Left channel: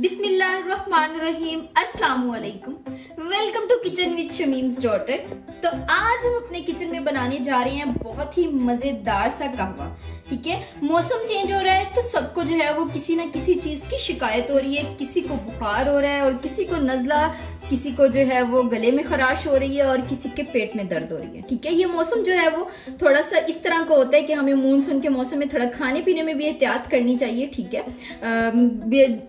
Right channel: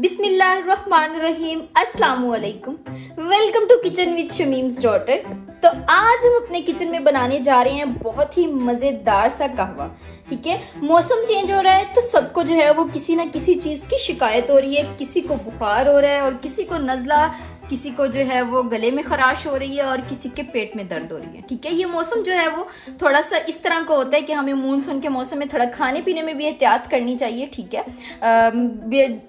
बिस्मिल्लाहिर्रहमानिर्रहीम, अस्सलाम वालेकुम। Welcome to kitchen with Shamim's daughter. तो आज हम अपने किचन में बनाने जा रहे हैं बहुत ही मजेदार सा कहवा। ठीक है, मौसम चेंज हो रहा है तो सबको जो है वो किसी ना किसी चीज की शिकायत हो रही है। किसी को बुखार हो रहा है और किसी को नजला, किसी को जो है वो गले में खराश हो रही है और किसी के पेट में दर्द हो रही है। ठीक है, ये मौसम जो है वो थोड़ा सा इस तरह का होता है कि हमें मानसून के मौसम में थोड़ा खाने पीने में भी एहतियात करनी चाहिए। ठीक है,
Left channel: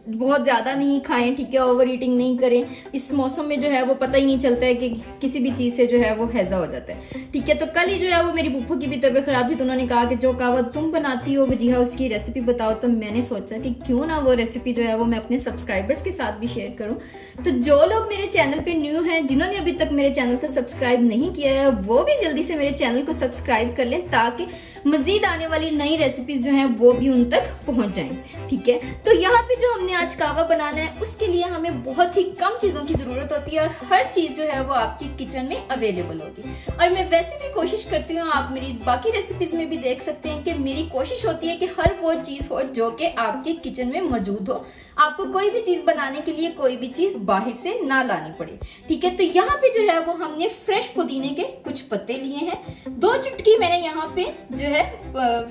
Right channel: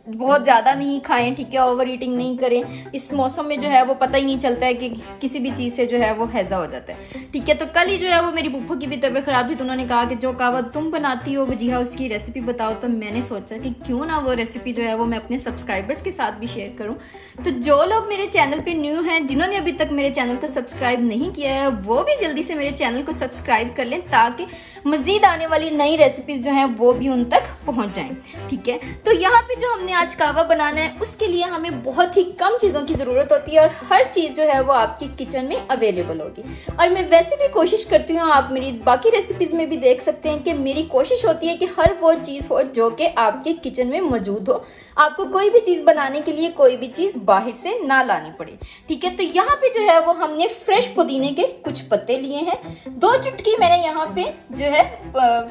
बहुत ज्यादा नहीं खाएं। ठीक है, ओवर ईटिंग नहीं करें। इस मौसम में जो है वो पता ही नहीं चलता है कि किसी भी चीज से जो है वो हैजा हो जाता है। ठीक है, तो कल ही जो है वो मेरी बुप्पो की भी तबीयत खराब थी तो उन्होंने कहा कि जो कहवा तुम बनाती हो वजीहा उसकी रेसिपी बताओ। तो मैंने सोचा कि क्यों ना वो रेसिपी जो है वो मैं अपने सब्सक्राइबर्स के साथ भी शेयर करूं। तो जो लोग मेरे चैनल पे न्यू हैं, जिन्होंने अभी तक मेरे चैनल को सब्सक्राइब नहीं किया है, वो भी जल्दी से मेरे चैनल को सब्सक्राइब कर लें ताकि मजीद आने वाली नई रेसिपीज जो है वो भी उन तक पहुंच जाएं। ठीक है, तो यहाँ पे जो हमने आज कहवा बनाना है उसके लिए हमें बहुत ही कम चीजों की जरूरत होती है और हर चीज जो है वो आपकी किचन में अवेलेबल होगी। और मैं वैसे भी कोशिश करती हूँ, आप मेरी बाकी रेसिपीज में भी देख सकते हैं कि मेरी कोशिश होती है कि हर वो चीज हो जो कि आपके किचन में मौजूद हो। आपको कोई भी चीज बनाने के लिए कोई भी चीज बाहर से ना लानी पड़े। ठीक है, तो यहाँ पे जो है वो हमने फ्रेश पुदीने के कुछ पत्ते लिए हैं। 2 चुटकी मैंने यहाँ पे जो है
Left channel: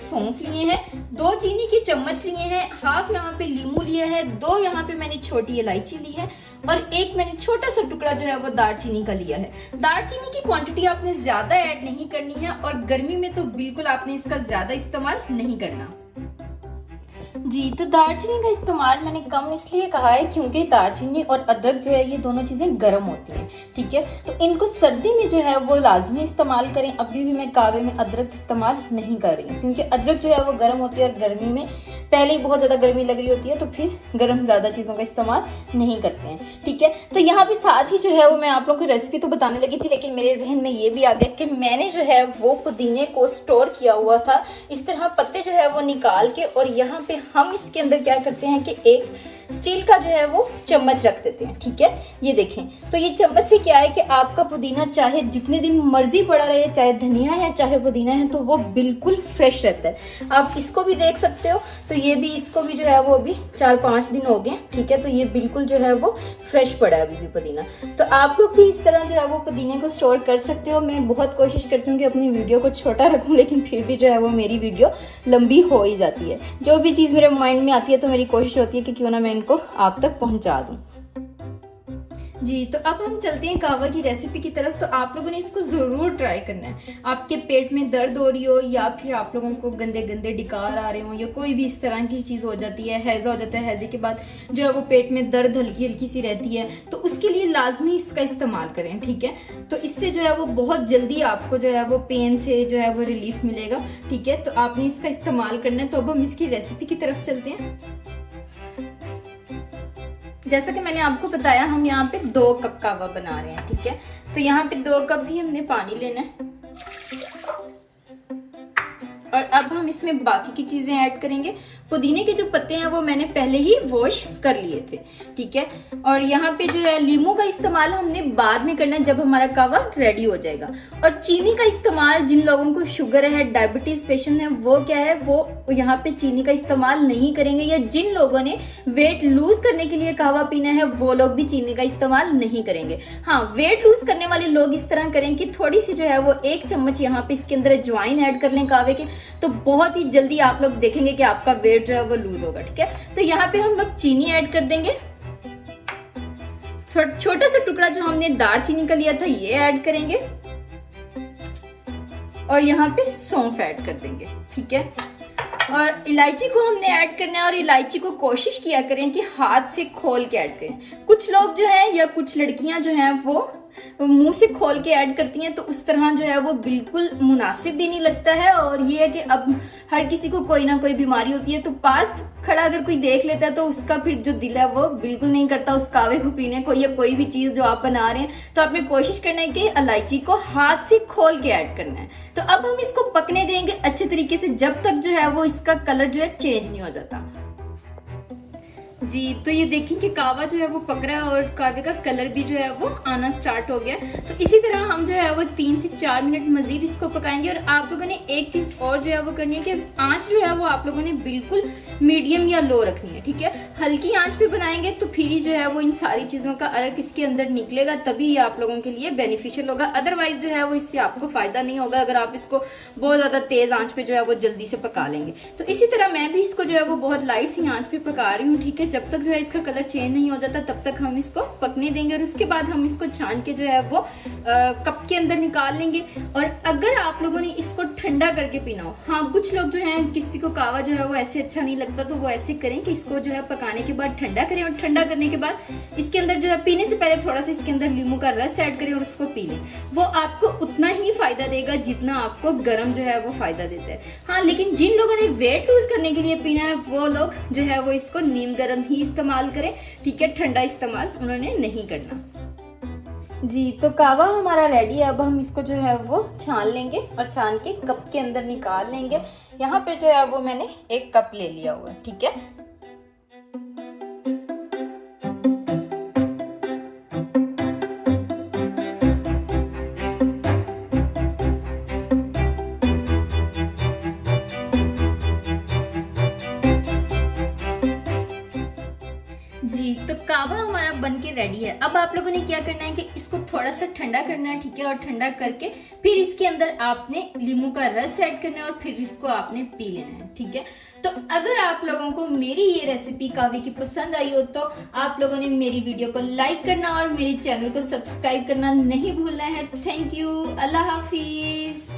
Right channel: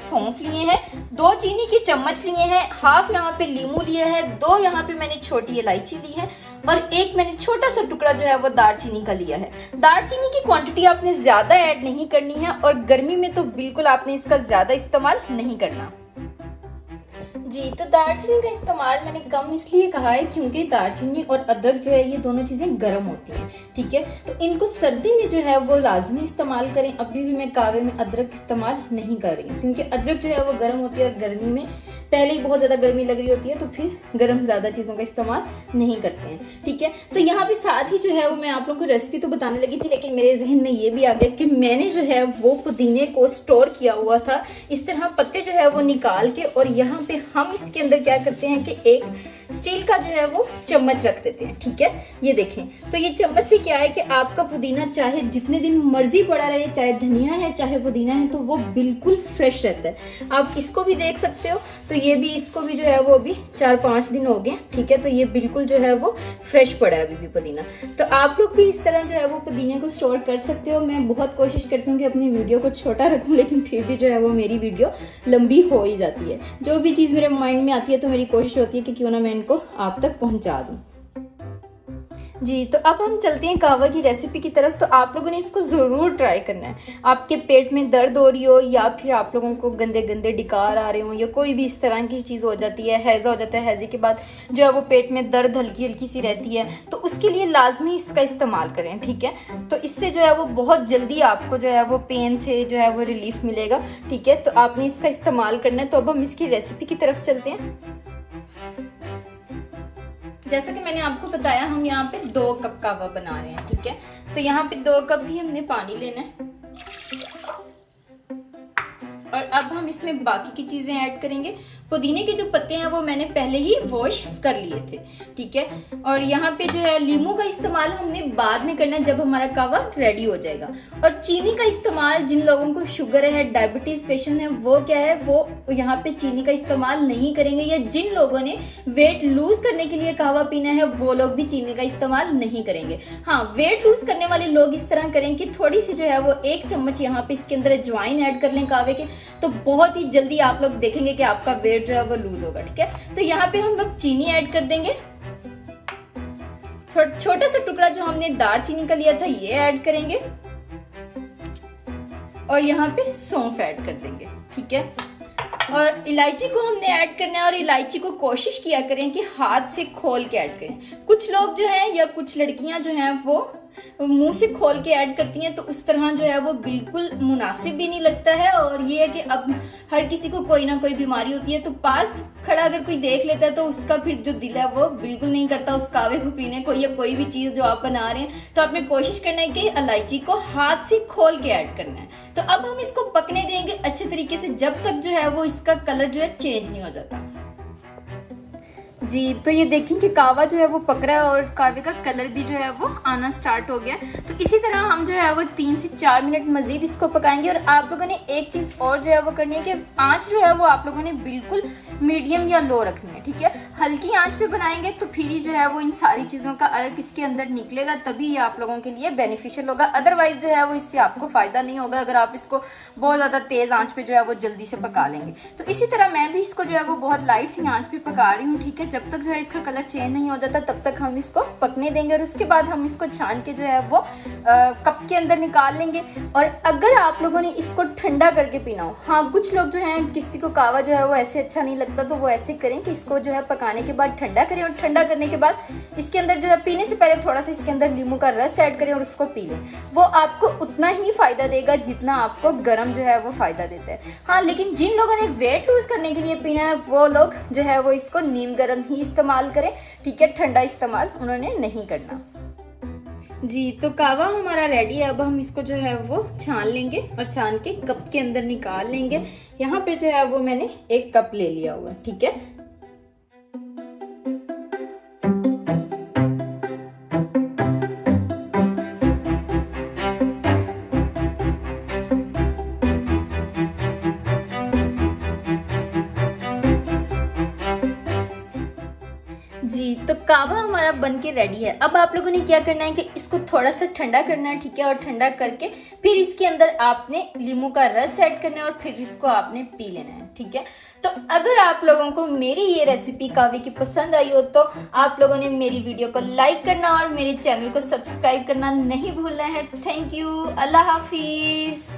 सौंफ लिए हैं। 2 चीनी की चम्मच लिए हैं। हाफ यहाँ पे लीमू लिया है। 2 यहाँ पे मैंने छोटी इलायची ली है और 1 मैंने छोटा सा टुकड़ा जो है वो दालचीनी का लिया है। दालचीनी की क्वांटिटी आपने ज्यादा ऐड नहीं करनी है और गर्मी में तो बिल्कुल आपने इसका ज्यादा इस्तेमाल नहीं करना जी। तो दालचीनी का इस्तेमाल मैंने कम इसलिए कहा है क्योंकि दालचीनी और अदरक जो है ये दोनों चीजें गर्म होती हैं। ठीक है, तो इनको सर्दी में जो है वो लाजमी इस्तेमाल करें। अभी भी मैं कहवे में अदरक इस्तेमाल नहीं कर रही हूँ क्योंकि अदरक जो है वो गर्म होती है और गर्मी में पहले ही बहुत ज्यादा गर्मी लग रही होती है तो फिर गर्म ज्यादा चीजों का इस्तेमाल नहीं करते हैं। ठीक है, तो यहाँ पे साथ ही जो है वो मैं आप लोगों को रेसिपी तो बताने लगी थी लेकिन मेरे जहन में ये भी आ गया कि मैंने जो है वो पुदीने को स्टोर किया हुआ था। इस तरह पत्ते जो है वो निकाल के और यहाँ पे हम इसके अंदर क्या करते हैं कि एक स्टील का जो है वो चम्मच रख देते हैं। ठीक है, ये देखें, तो ये चम्मच से क्या है कि आपका पुदीना चाहे जितने दिन मर्जी पड़ा रहे, चाहे धनिया है चाहे पुदीना है, तो वो बिल्कुल फ्रेश रहता है। आप इसको भी देख सकते हो, तो ये भी इसको भी जो है वो अभी 4-5 दिन हो गए। ठीक है, तो ये बिल्कुल जो है वो फ्रेश पड़ा है अभी भी पुदीना। तो आप लोग भी इस तरह जो है वो पुदीने को स्टोर कर सकते हो। मैं बहुत कोशिश करती हूँ कि अपनी वीडियो को छोटा रखूं लेकिन फिर भी जो है वो मेरी वीडियो लंबी हो ही जाती है। जो भी चीज मेरे माइंड में आती है तो मेरी कोशिश होती है कि क्यों ना मैं इनको आप तक पहुंचा दूं जी। तो अब हम चलते हैं कहवा की रेसिपी की तरफ। तो आप लोगों ने इसको जरूर ट्राई करना है। आपके पेट में दर्द हो रही हो या फिर आप लोगों को गंदे गंदे डिकार आ रहे हो या कोई भी इस तरह की चीज हो जाती है, हैजा हो जाता है, हैजे के बाद जो है वो पेट में दर्द हल्की हल्की सी रहती है, तो उसके लिए लाजमी इसका इस्तेमाल करें। ठीक है, तो इससे जो है वो बहुत जल्दी आपको जो है वो पेन से जो है वो रिलीफ मिलेगा। ठीक है, तो आपने इसका इस्तेमाल करना है। तो अब हम इसकी रेसिपी की तरफ चलते हैं। जैसा कि मैंने आपको बताया, हम यहाँ पे 2 कप कहवा बना रहे हैं। ठीक है, तो यहाँ पे 2 कप भी हमने पानी लेना है और अब हम इसमें बाकी की चीजें ऐड करेंगे। पुदीने के जो पत्ते हैं वो मैंने पहले ही वॉश कर लिए थे। ठीक है, और यहाँ पे जो है लीमू का इस्तेमाल हमने बाद में करना है जब हमारा कहवा रेडी हो जाएगा। और चीनी का इस्तेमाल जिन लोगों को शुगर है, डायबिटीज पेशेंट है, वो क्या है वो यहाँ पे चीनी का इस्तेमाल नहीं करेंगे। या जिन लोगों ने वेट लूज करने के लिए कहवा पीना है वो लोग भी चीनी का इस्तेमाल नहीं करेंगे। हाँ, वेट लूज करने वाले लोग इस तरह करें कि थोड़ी सी जो है वो 1 चम्मच यहाँ पे इसके अंदर अजवाइन ऐड कर लें कहवे के, तो बहुत ही जल्दी आप लोग देखेंगे कि आपका वेट जो है वो लूज होगा। ठीक है, तो यहाँ पे हम लोग चीनी ऐड कर देंगे। छोटा सा टुकड़ा जो हमने दालचीनी का लिया था ये ऐड करेंगे और यहाँ पे सौंफ ऐड कर देंगे। ठीक है, और इलायची को हमने ऐड करना है और इलायची को कोशिश किया करें कि हाथ से खोल के ऐड करें। कुछ लोग जो है या कुछ लड़कियां जो हैं वो मुंह से खोल के ऐड करती हैं, तो उस तरह जो है वो बिल्कुल मुनासिब भी नहीं लगता है। और ये है कि अब हर किसी को कोई ना कोई बीमारी होती है, तो पास खड़ा अगर कोई देख लेता है तो उसका फिर जो दिल है वो बिल्कुल नहीं करता उस कहवे को पीने को या कोई भी चीज जो आप बना रहे हैं। तो आपने कोशिश करना है कि इलायची को हाथ से खोल के ऐड करना है। तो अब हम इसको पकने देंगे अच्छे तरीके से जब तक जो है वो इसका कलर जो है चेंज नहीं हो जाता जी। तो ये देखिए कि कहवा जो है वो पक रहा है और कहवे का कलर भी जो है वो आना स्टार्ट हो गया। तो इसी तरह हम जो है वो 3 से 4 मिनट मजीद इसको पकाएंगे। और आप लोगों ने एक चीज और जो है वो करनी है कि आंच जो है वो आप लोगों ने बिल्कुल मीडियम या लो रखनी है। ठीक है। हल्की आंच पे बनाएंगे तो फिर ही जो है वो इन सारी चीजों का अर्क इसके अंदर निकलेगा, तभी ये आप लोगों के लिए बेनिफिशियल होगा। अदरवाइज जो है वो इससे आपको फायदा नहीं होगा अगर आप इसको बहुत ज्यादा तेज आंच पे जो है वो जल्दी से पका लेंगे। तो इसी तरह मैं भी इसको जो है वो बहुत लाइट सी आंच पे पका रही हूँ, ठीक है। जब तक जो है इसका कलर चेंज नहीं हो जाता तब तक हम इसको पकने देंगे और उसके बाद हम इसको छान के जो है वो कप के अंदर निकाल लेंगे। और अगर आप लोगों ने इसको ठंडा करके पीना हो, हाँ कुछ लोग जो है किसी को कावा जो है वो ऐसे अच्छा नहीं लगता, तो वो ऐसे करें कि इसको जो है पकाने के बाद ठंडा करें और ठंडा करने के बाद इसके अंदर जो है पीने से पहले थोड़ा सा इसके अंदर नींबू का रस ऐड करें और उसको पी लें। वो आपको उतना ही फायदा देगा जितना आपको गर्म जो है वो फायदा देता है। हाँ, लेकिन जिन लोगों ने वेट लूज करने के लिए पीना है वो लोग जो है वो इसको नीम गर्म ही इस्तेमाल करें, ठीक है। ठंडा इस्तेमाल उन्होंने नहीं करना जी। तो कावा हमारा रेडी है। अब हम इसको जो है वो छान लेंगे और छान के कप के अंदर निकाल लेंगे। यहाँ पे जो है वो मैंने 1 कप ले लिया हुआ, ठीक है। जी, तो कावा हमारा बनके रेडी है। अब आप लोगों ने क्या करना है कि इसको थोड़ा सा ठंडा करना है, ठीक है। और ठंडा करके फिर इसके अंदर आपने नींबू का रस ऐड करना है और फिर इसको आपने पी लेना है, ठीक है। तो अगर आप लोगों को मेरी ये रेसिपी कावे की पसंद आई हो तो आप लोगों ने मेरी वीडियो को लाइक करना और मेरे चैनल को सब्सक्राइब करना नहीं भूलना है। Thank you, Allah Hafiz.